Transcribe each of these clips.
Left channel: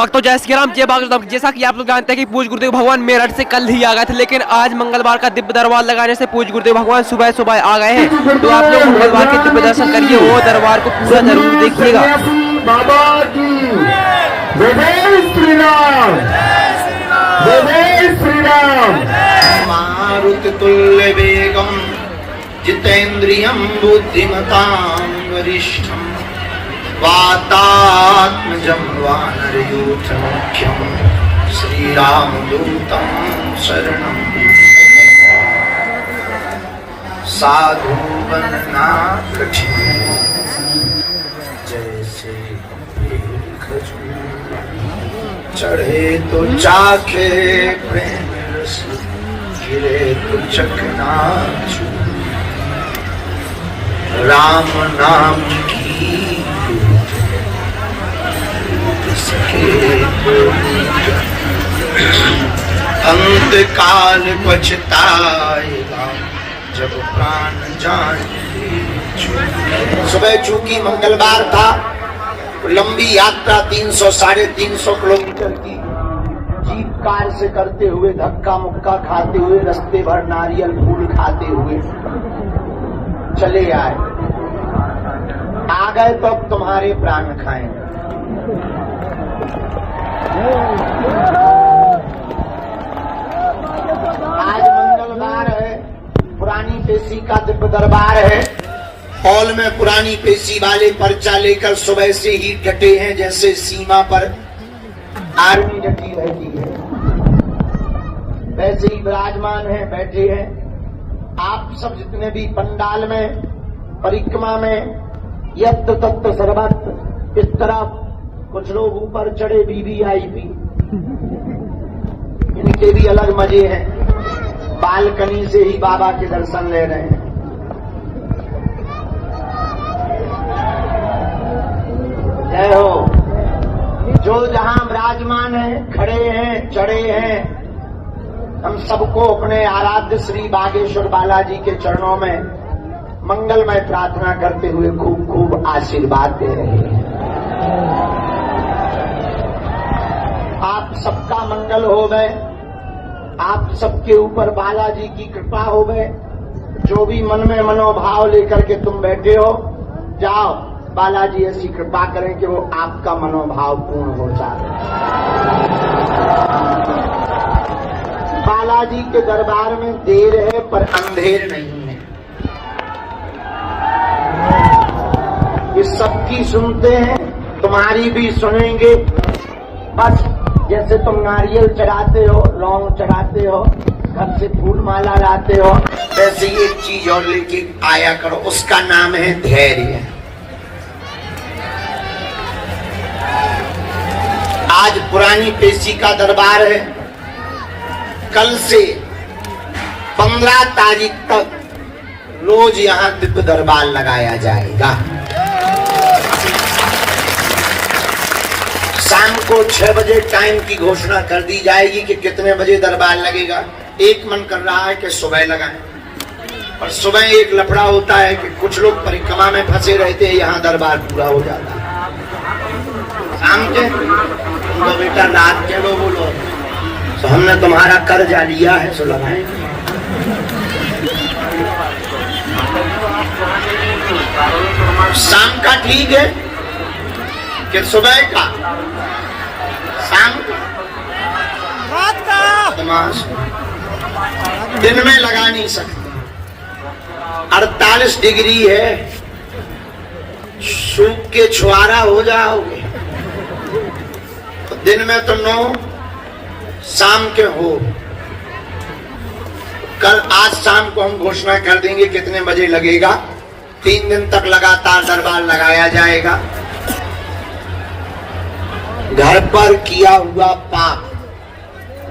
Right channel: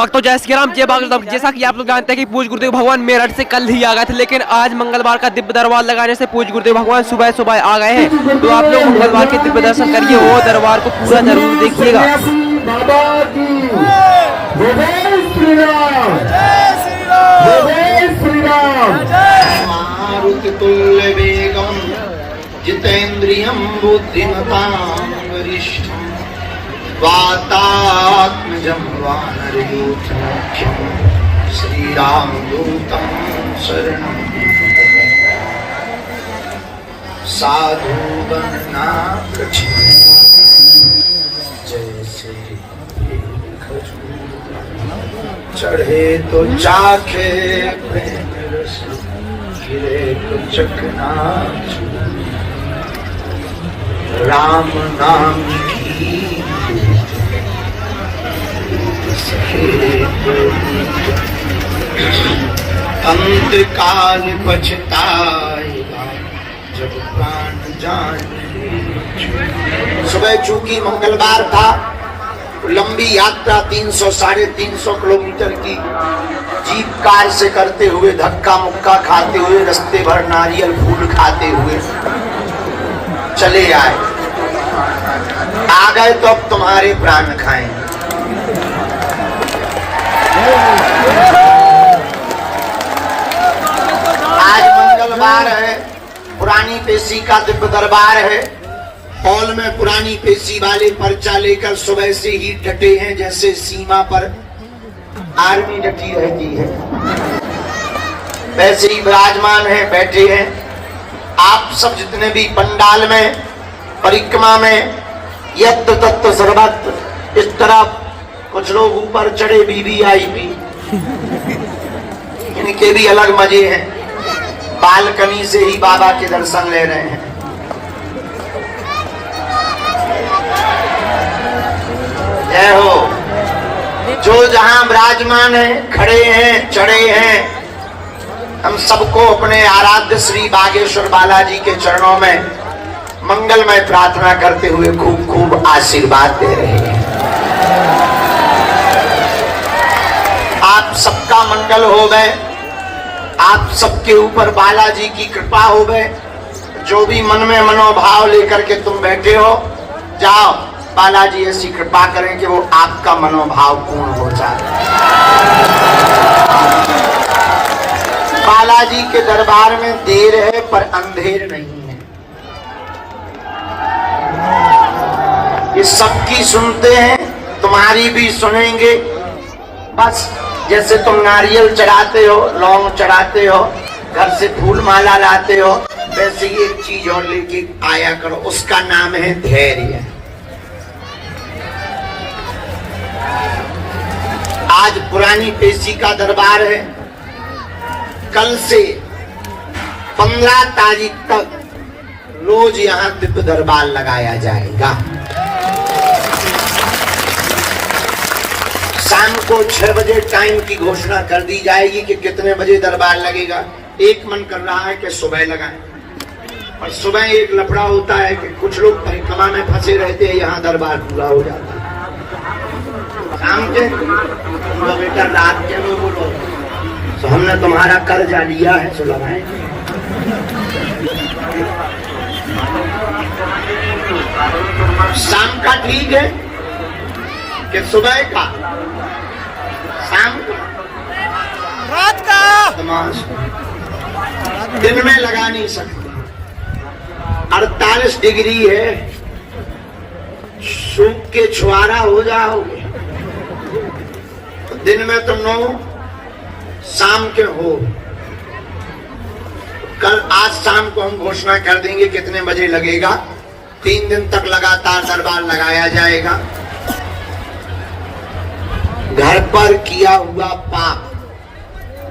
भक्तों जय श्री राम, जय भागवतम। जैसा कि आप लोग जानते हैं कि पूज्य गुरुदेव भगवान मेरठ से कल ही आ गए थे, लेकिन आज मंगलवार का दिव्य दरबार लगाने से पूज्य गुरुदेव भगवान सुबह सुबह आ गए हैं। तो आप लोग मंगलवार के दिव्य दर्शन करिए और दरबार को पूरा जरूर देखिएगा। बाबा की जय श्री राम, जय श्री राम। मारुति तुल्य वेगम जितेन्द्रियं बुद्धिमतां वरिष्ठं वातात्मजं वानरयूथमुख्यं श्रीरामदूतं शरणं साधुवना कठिन जैसे चढ़े तो चाखे प्रेम रस, गिरे तो चकनाचूर। राम नाम की अंत काल पछताएगा जब प्राण जाए। सुबह चूंकि मंगलवार था, लंबी यात्रा 300-350 किलोमीटर की जीप कार से करते हुए, धक्का मुक्का खाते हुए, रास्ते भर नारियल फूल खाते हुए चले आए। आ गए तो अब तुम्हारे प्राण खाएंगे। आज मंगलवार है, पुरानी पेशी का दिव्य दरबार है। हॉल में पुरानी पेशी वाले पर्चा लेकर सुबह से ही डटे हैं, जैसे सीमा पर आर्मी डटी रहती है, वैसे ही विराजमान है, बैठे हैं। आप सब जितने भी पंडाल में, परिक्रमा में, यत्र तत्र सर्वत्र, इस तरफ कुछ लोग ऊपर चढ़े वीवीआईपी, इनके भी अलग मजे हैं। बालकनी से ही बाबा के दर्शन ले रहे हैं। जय हो। जो जहां विराजमान है, खड़े हैं, चढ़े हैं, हम सबको अपने आराध्य श्री बागेश्वर बालाजी के चरणों में मंगलमय प्रार्थना करते हुए खूब खूब आशीर्वाद दे रहे हैं। आप सबका मंगल हो गए, आप सबके ऊपर बालाजी की कृपा हो गए। जो भी मन में मनोभाव लेकर के तुम बैठे हो, जाओ बालाजी ऐसी कृपा करें कि वो आपका मनोभाव पूर्ण हो जाए। बालाजी के दरबार में देर है पर अंधेर नहीं है। ये सबकी सुनते हैं, तुम्हारी भी सुनेंगे। बस जैसे तुम नारियल चढ़ाते हो, लौंग चढ़ाते हो, घर से फूल माला लाते हो, वैसे ही एक चीज और लेके आया करो, उसका नाम है धैर्य। आज पुरानी पेशी का दरबार है। कल से 15 तारीख तक रोज यहाँ दिव्य दरबार लगाया जाएगा। शाम को 6 बजे टाइम की घोषणा कर दी जाएगी कि कितने बजे दरबार लगेगा। एक मन कर रहा है कि सुबह लगाएं, और सुबह एक लफड़ा होता है कि कुछ लोग परिक्रमा में फंसे रहते हैं, यहाँ दरबार पूरा हो जाता है। शाम के तो बेटा रात के लो बोलो, तो हमने तुम्हारा कर्जा लिया है, सो लगाएंगे। शाम का ठीक है कि सुबह का? शाम का, रात का, तमाश दिन में लगा नहीं सकते। 48 डिग्री है, सूख के छुआरा हो जाओगे। तो दिन में तो 9, शाम के हो। कल आज शाम को हम घोषणा कर देंगे कितने बजे लगेगा। 3 दिन तक लगातार दरबार लगाया जाएगा। घर पर किया हुआ पाप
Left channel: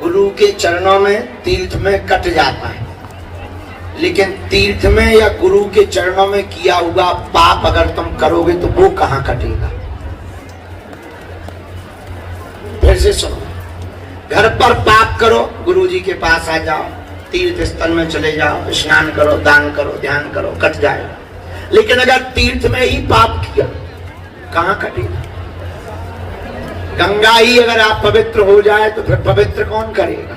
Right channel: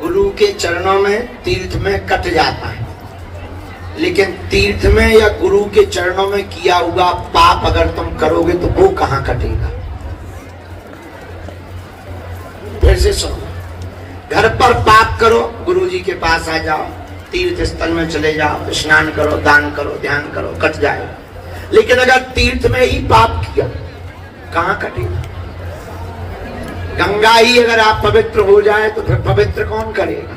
गुरु के चरणों में, तीर्थ में कट जाता है, लेकिन तीर्थ में या गुरु के चरणों में किया हुआ पाप अगर तुम करोगे तो वो कहां कटेगा। फिर से सुनो, घर पर पाप करो, गुरु जी के पास आ जाओ, तीर्थ स्थल में चले जाओ, स्नान करो, दान करो, ध्यान करो, कट जाएगा। लेकिन अगर तीर्थ में ही पाप किया, कहां कटेगा? गंगा ही अगर आप पवित्र हो जाए तो फिर पवित्र कौन करेगा?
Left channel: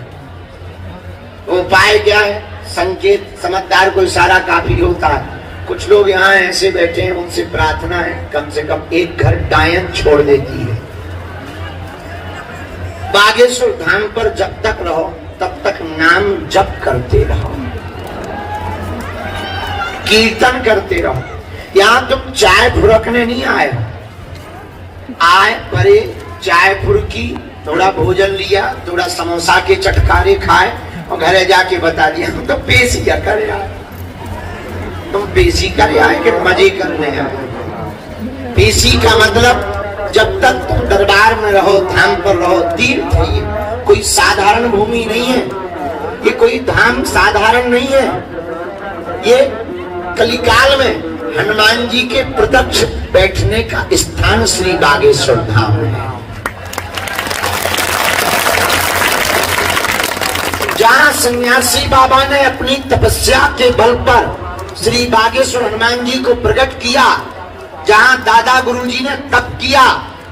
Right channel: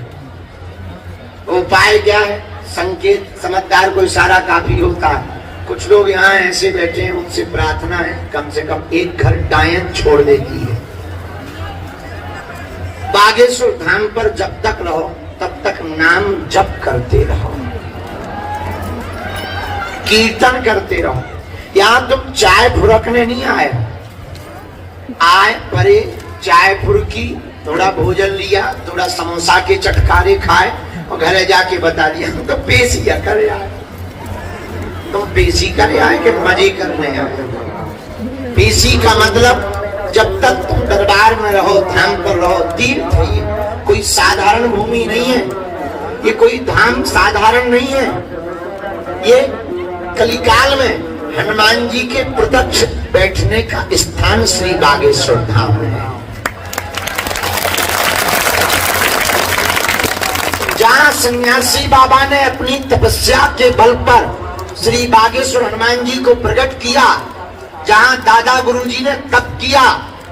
उपाय क्या है? संकेत, समझदार को इशारा काफी होता है। कुछ लोग यहाँ ऐसे बैठे हैं, उनसे प्रार्थना है कम से कम एक घर डायन छोड़ देती है। बागेश्वर धाम पर जब तक रहो तब तक नाम जप करते रहो, कीर्तन करते रहो। यहाँ तुम चाय फुरकने नहीं आए, आए परे चाय फुरकी, थोड़ा भोजन लिया, थोड़ा समोसा के चटकारे खाए और घरे जाके बता दिया हम तो पेशिया कर आए। तुम पेशी कर आए कि मजे करने आए? पेशी का मतलब जब तक तुम दरबार में रहो, धाम पर रहो, तीर्थ है ये, कोई साधारण भूमि नहीं है, ये कोई धाम साधारण नहीं है। ये कलिकाल में हनुमान जी के प्रत्यक्ष बैठने का स्थान श्री बागेश्वर धाम है, जहाँ सन्यासी बाबा ने अपनी तपस्या के बल पर श्री बागेश्वर हनुमान जी को प्रकट किया, जहाँ दादा गुरुजी ने तप किया,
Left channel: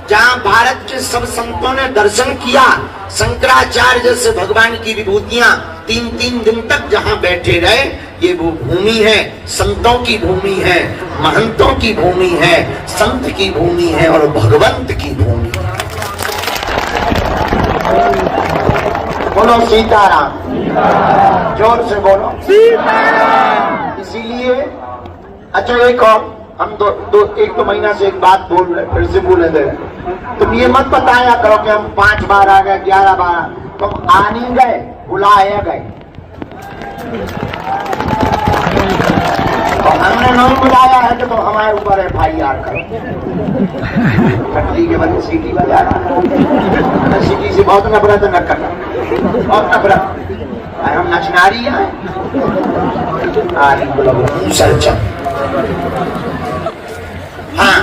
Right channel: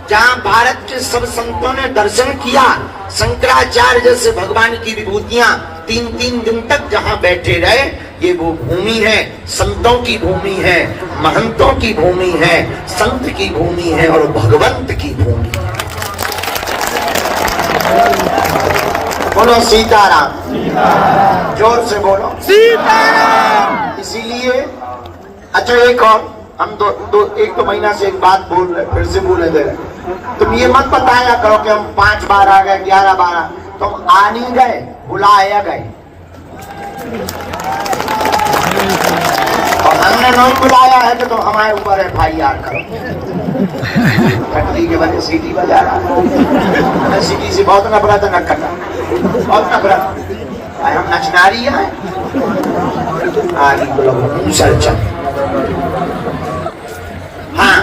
जहाँ भारत के सब संतों ने दर्शन किया, शंकराचार्य जैसे भगवान की विभूतियां 3-3 दिन तक जहाँ बैठे रहे, ये वो भूमि है, संतों की भूमि है, महंतों की भूमि है, संत की भूमि है और भगवंत की भूमि है। बोलो सीताराम, जोर से बोलो सीताराम। इसीलिए अच्छा एक और हम एक तो महीना से एक बात बोल रहे, फिर से बोले दे रहे। तुम ये मत बताया करो कि हम 5 बार आ गए, 11 बार, तुम आ नहीं गए, बुलाया गए। और हमने नहीं बुलाया है तो हमारे ऊपर FIR करो। फट्टी के बजे सीटी बजा रहा, सीटी से बहुत नफरत है, न करना बहुत नफरत। हम नचनारी है, हाँ।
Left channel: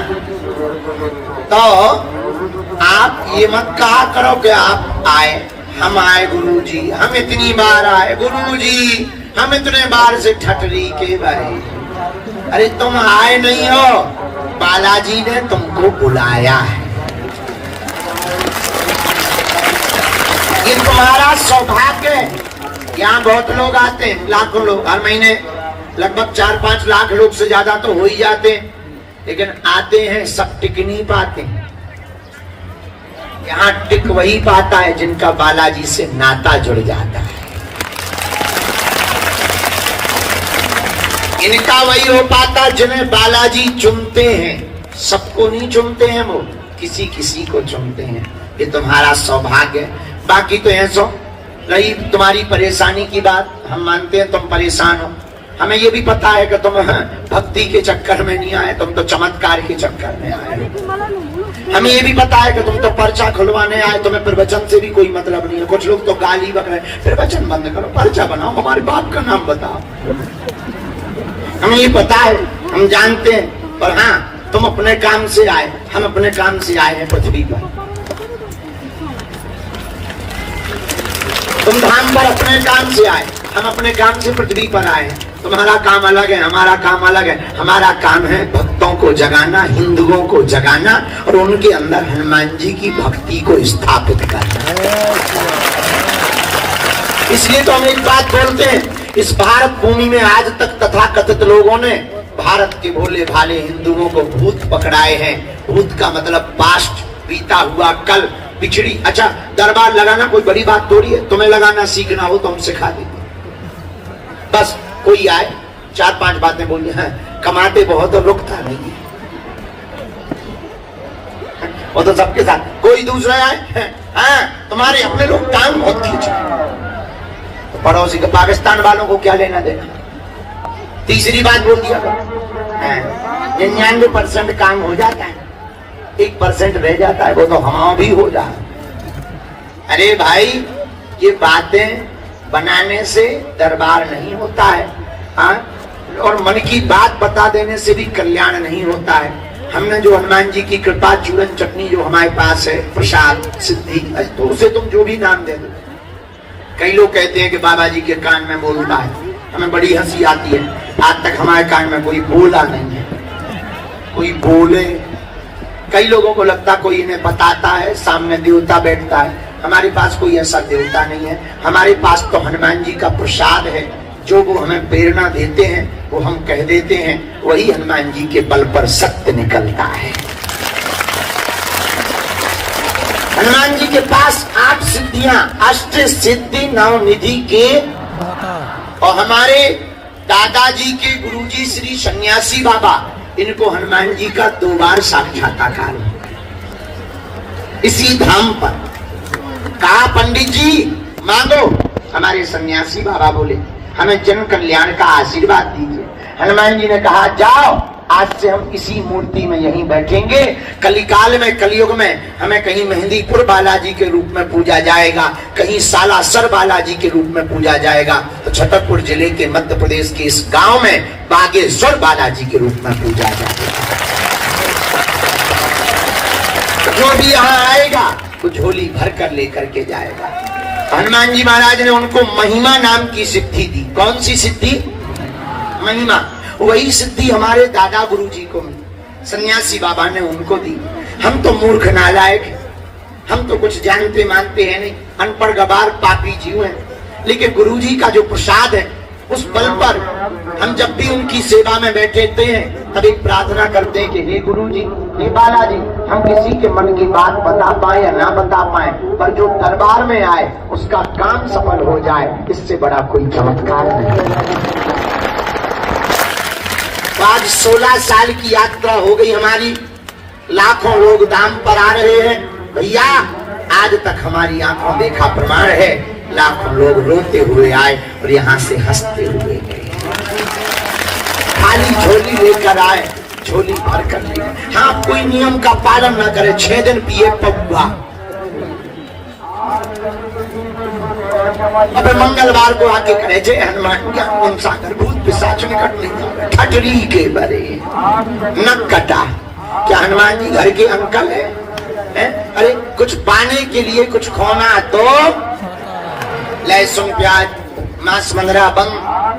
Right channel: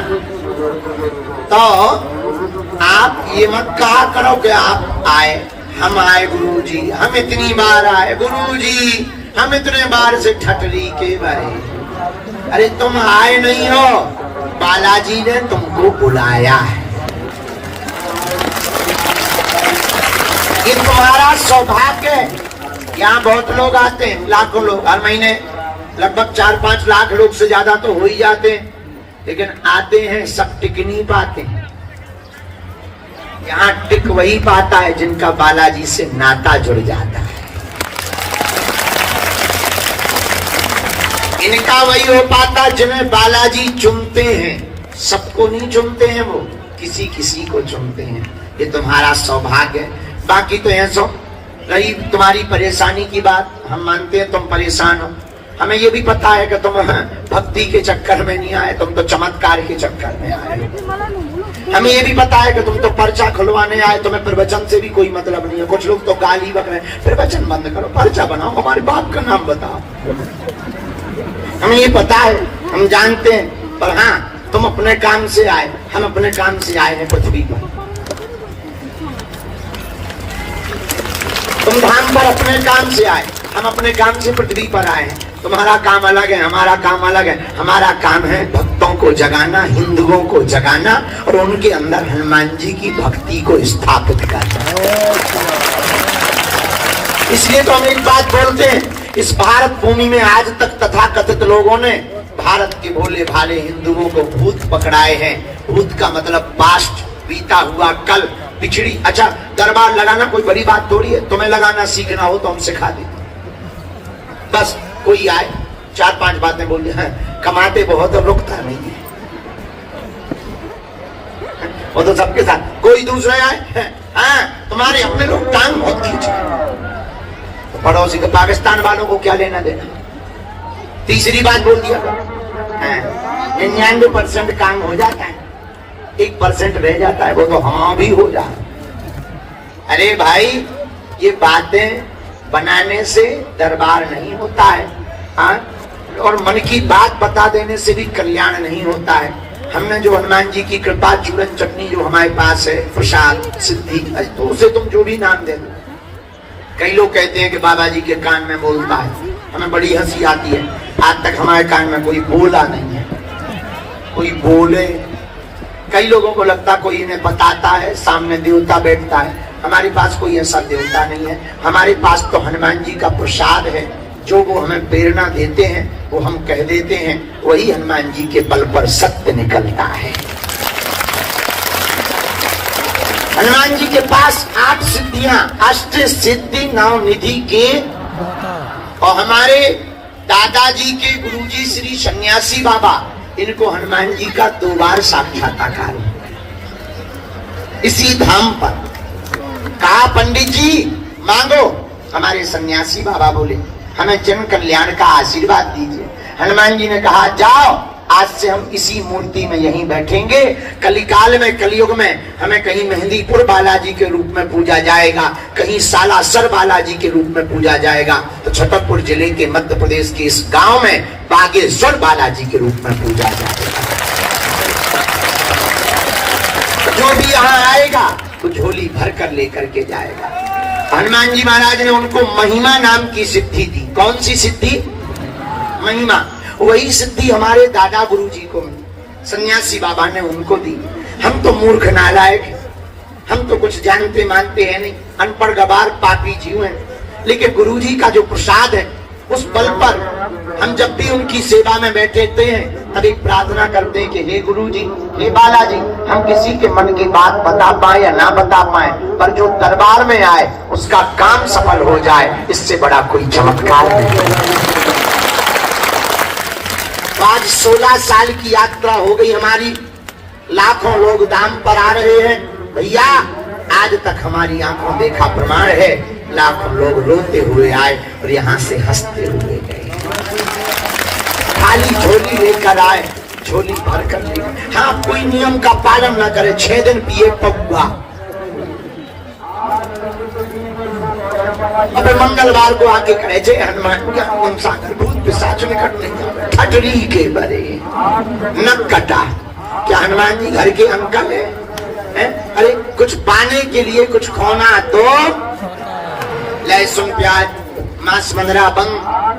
तो आप ये मत कहा करो कि आप आए, हम आए गुरुजी, हम इतनी बार आए गुरुजी, हम इतने बार से ठटरी के बारे। अरे तुम आए नहीं हो, बालाजी ने तुमको बुलाया है। ये तुम्हारा सौभाग्य है। यहाँ बहुत लोग आते हैं, लाखों लोग हर महीने, लगभग 4-5 लाख लोग से ज्यादा तो हो ही जाते हैं, लेकिन आते हैं सब टिक नहीं पाते। यहाँ टिक वही पाता है जिनका बालाजी से नाता जुड़ जाता है। इनका वही हो पाता जिन्हें बालाजी चुनते हैं। सबको नहीं चुनते हैं, वो किसी किसी को चुनते हैं। ये तुम्हारा सौभाग्य है। बाकी तो ऐसा रही तुम्हारी परेशानी की बात, हम मानते हैं तुम परेशान हो। हमें ये भी पता है कि तुम भक्ति के चक्कर में नहीं आए, तुम तो चमत्कार के चक्कर में आए। हमें ये भी पता है कि तुम तो पर्चा खुलवाने आए, तुम्हें प्रवचन से भी कोई मतलब नहीं है। कुछ लोग तो गाली बक रहे हैं, प्रवचन बंद करो, पर्चा बनाओ, हमारे बाप का नाम बताओ। हमें ये पता है, हम जानते हैं, पर हाँ तुम अपने काम से आए, हम अपने काम से आए हैं पृथ्वी पर। तुम धाम पर अपने काम से आए, हम अपने काम से पृथ्वी पर आए हैं। तुम्हारा काम अलग है, हमारा काम अलग है। हमारा काम है भक्तों को जगाना, हिंदुओं को जगाना और उनके अंदर हनुमान जी की भक्ति को स्थापित करना। इसलिए तो हम एक बात बोलते हैं, इस भारत भूमि में आज तक तथाकथित लोगों ने भारत के भोले भाले हिंदुओं को भूत पकड़ाए हैं। भूत का मतलब पास्ट, बीता हुआ कल, पिछड़ी। अच्छा, दरबार लगाना कोई बड़ी बात थोड़ी है, तुम्हें लगाना सीखना हो तो हम सिखा देते। बस कोई आए 4-5 बातें बोल जाए, कमाते बहुत और रुकता नहीं है, वो तो सबके साथ। कोई दूसरे आए, हाँ तुम्हारे अपने लोग टांग बहुत खींचे, तो पड़ोसी के पाकिस्तान वालों को क्या लेना देना। तीसरी बात बोल दिया, 99% काम हो जाता है, 1% रह जाता है, वो तो हाँ भी हो जाए। अरे भाई, ये बातें बनाने से दरबार नहीं होता है, हाँ? और मन की बात बता देने से भी कल्याण नहीं होता है। हमने जो हनुमान जी की कृपा, चूरन चटनी जो हमारे पास है, प्रसाद, सिद्धि, तो उसे तुम जो भी नाम दे दो। कई लोग कहते हैं कि बाबा जी के कान में बोलता है, हमें बड़ी हंसी आती है। आज तक हमारे कान में कोई बोला नहीं है। कोई बोले, कई लोगों को लगता कोई इन्हें बताता है, सामने देवता बैठता है। हमारे पास कोई ऐसा देवता नहीं है, हमारे पास तो हनुमान जी का प्रसाद है। जो वो हमें प्रेरणा देते हैं, वो हम कह देते हैं, वही हनुमान जी के बल पर सत्य निकलता है। हनुमान जी के पास 8 सिद्धियां, अष्ट सिद्धि नवनिधि के, और हमारे दादाजी के गुरुजी श्री सन्यासी बाबा, इनको हनुमान जी का 2 बार साक्षात्कार इसी धाम पर। कहा पंडित जी मांगो, हमारे सन्यासी बाबा बोले हमें जन कल्याण का आशीर्वाद दीजिए। हनुमान जी ने कहा जाओ, आज से हम इसी मूर्ति में यहीं बैठेंगे। कलिकाल में, कलयुग में हमें कहीं मेहंदीपुर बालाजी के रूप में पूजा जाएगा, कहीं सालासर बालाजी के रूप में पूजा जाएगा, तो छतरपुर जिले के मध्य प्रदेश के इस गांव में बागेश्वर बालाजी के रूप में पूजा जाएगा। जो भी यहाँ आएगा तो झोली भर कर लेकर के जाएगा। हनुमान जी महाराज ने उनको महिमा नाम की सिद्धि दी। कौन सी सिद्धि? महिमा। वही सिद्धि हमारे दादा गुरु जी को मिली, सन्यासी बाबा ने उनको दी। हम तो मूर्ख नालायक हैं, हम तो कुछ जानते मानते हैं नहीं, अनपढ़ गवार पापी जीव हैं। लेकिन गुरु जी का जो प्रसाद है, उस बल पर हम जब भी उनकी सेवा में बैठे हैं, तब एक प्रार्थना करते हैं कि हे गुरु जी, हे बालाजी, हम किसी के मन की बात बता पाए या ना बता पाए, पर जो दरबार में आए उसका काम सफल हो जाए, इससे बड़ा कोई चमत्कार नहीं। आज 16 साल की यात्रा हो गई हमारी, लाखों लोग दाम पर आ रहे हैं। भैया आज तक हमारी आंखों देखा प्रमाण है, लाखों लोग रोते हुए आए और यहाँ से हंसते हुए गए। खाली झोली लेकर आए, झोली भर कर ले। हाँ, कोई नियम का पालन न करे, 6 दिन पिए पौवा। अब मंगलवार को आके कहे जय हनुमान, क्या उन सागर भूत पिशाच निकट नहीं, ठटरी के बरे न कटा। क्या हनुमान जी घर के अंकल है? अरे कुछ पाने के लिए कुछ खोना तो लहसुन प्याज मांस मंगरा बंद,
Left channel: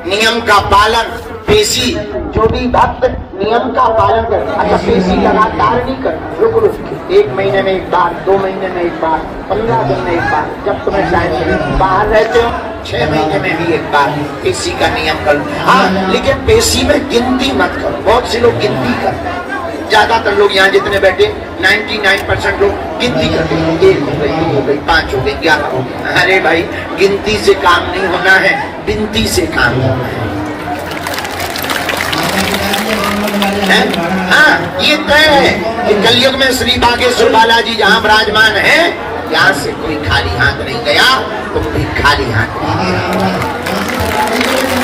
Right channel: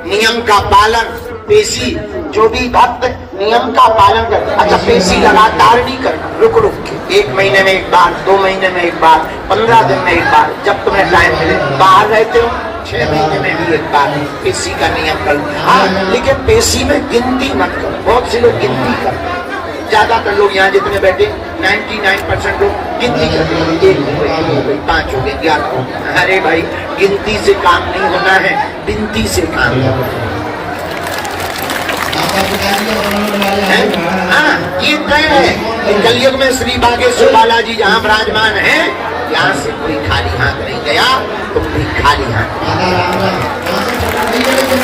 नियम का पालन, पेशी। जो भी भक्त नियम का पालन कर, अच्छा पेशी लगातार नहीं करना, रुक रुक के 1 महीने में एक बार, 2 महीने में एक बार, 15 दिन में एक बार, जब तुम्हें टाइम मिले। बाहर रहते हो 6 महीने में भी एक बार पेशी का नियम करो। लेकिन पेशी में गिनती मत करो। बहुत से लोग गिनती करते हैं, ज्यादातर लोग यहाँ जितने बैठे 99% लोग गिनती करते हैं, 1 हो गई, 2 हो गई, 5 हो गई, 11 हो गई। अरे भाई, गिनती से काम नहीं होना है, बिनती से काम होना है। हाँ, ये तय है कि कलयुग में श्री बागेश्वर बालाजी जहाँ विराजमान है, यहाँ से कोई खाली हाथ नहीं गया, तो कोई खाली हाथ नहीं गया।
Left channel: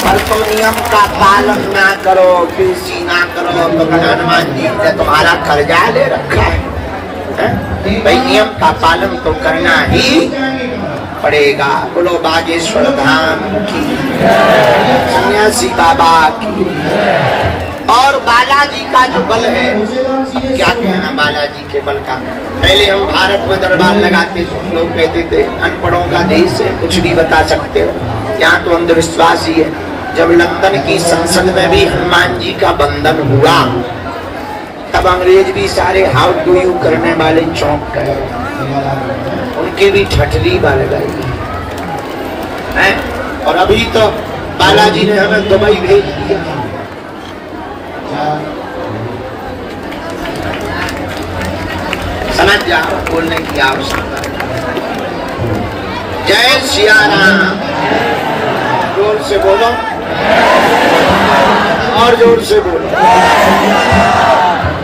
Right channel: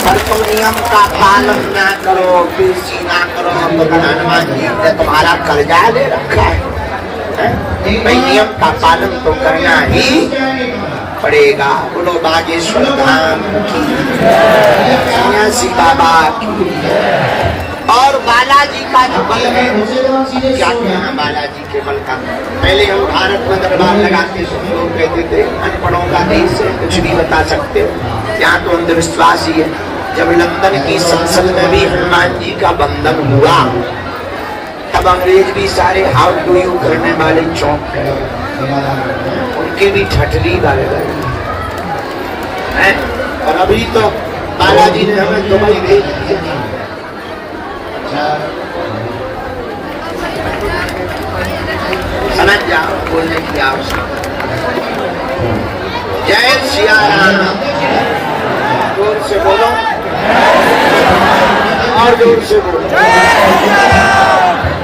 पर तुम नियम का पालन ना करो, पेशी ना करो, तो हनुमान जी ने तुम्हारा कर्जा ले रखा है। भाई नियम का पालन तो करना ही पड़ेगा। बोलो बागेश्वर धाम की, सन्यासी बाबा की। और बालाजी का जो बल है, क्या कहना बालाजी के बल का। पहले हम भारत में दरबार लगाते थे, लोग कहते थे अनपढ़ों का देश है, कुछ भी बता सकते हो। यहाँ तो अंधविश्वास ही है। जब लंदन की संसद में भी हनुमान जी का बंधन हुआ, तब अंग्रेज भी सारे हाउ डू यू करने वाले चौंक गए, उनके भी ठठली बाल गई। और अभी तो बालाजी ने हमें दुबई भेज दिया। समझ जाओ बोलने की आवश्यकता। जय सिया राम। जोर से बोलो, और जोर से बोलो,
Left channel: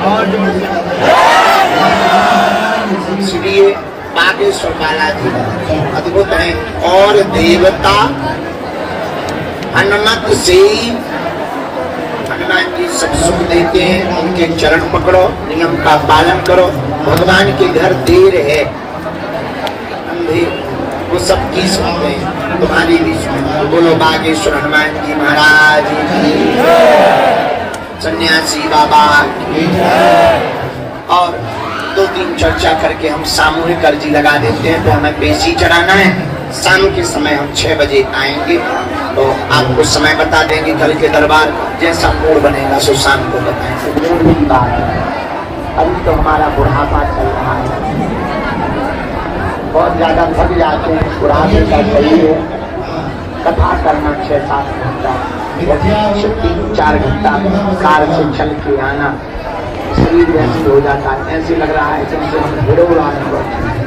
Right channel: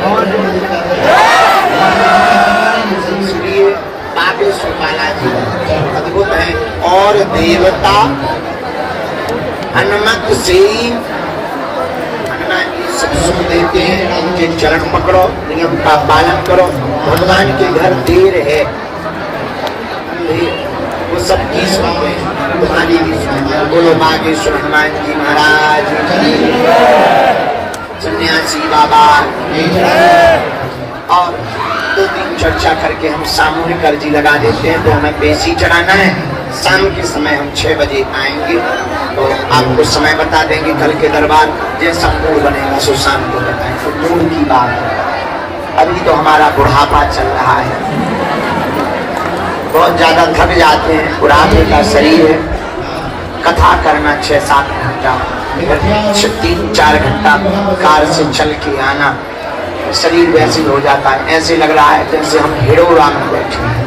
और जोर से। इसलिए बागेश्वर बालाजी अद्भुत है। और देवता हनुमत से हनुमान जी सब सुख देते हैं। उनके चरण पकड़ो, नियम का पालन करो। भगवान के घर देर है, वो सब की सुनते हैं, तुम्हारी भी सुनते। बोलो बागेश्वर हनुमान जी महाराज की, सन्यासी बाबा की। और 2-3 चर्चा करके हम सामूहिक अर्जी लगा देते हैं। तो हमें पेशी चढ़ाना है। शाम के समय हम 6 बजे आएंगे, तो आपको समय बता देंगे। कल के दरबार जैसा मूड बनेगा सो शाम को बताएंगे। मूड की बात अभी तो हमारा बुढ़ापा चल रहा है, बहुत ज्यादा थक जाते हैं, बुढ़ापे का शरीर है। कथा करना 6-7 घंटा, 3-4 घंटा कार से चल के आना, शरीर वैसे हो जाता है, ऐसे लग रहा है जैसे हम हिड़ोरा में बैठे हैं।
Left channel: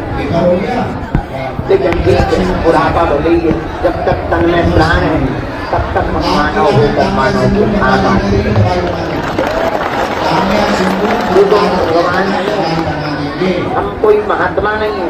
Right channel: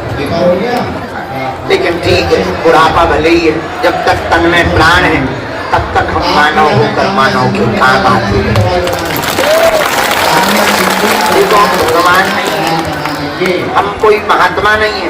लेकिन ठीक है, बुढ़ापा भले ही है, जब तक तन में प्राण है तब तक हम मानव होकर मानव के काम आते हैं। भगवान, हम कोई महात्मा नहीं है।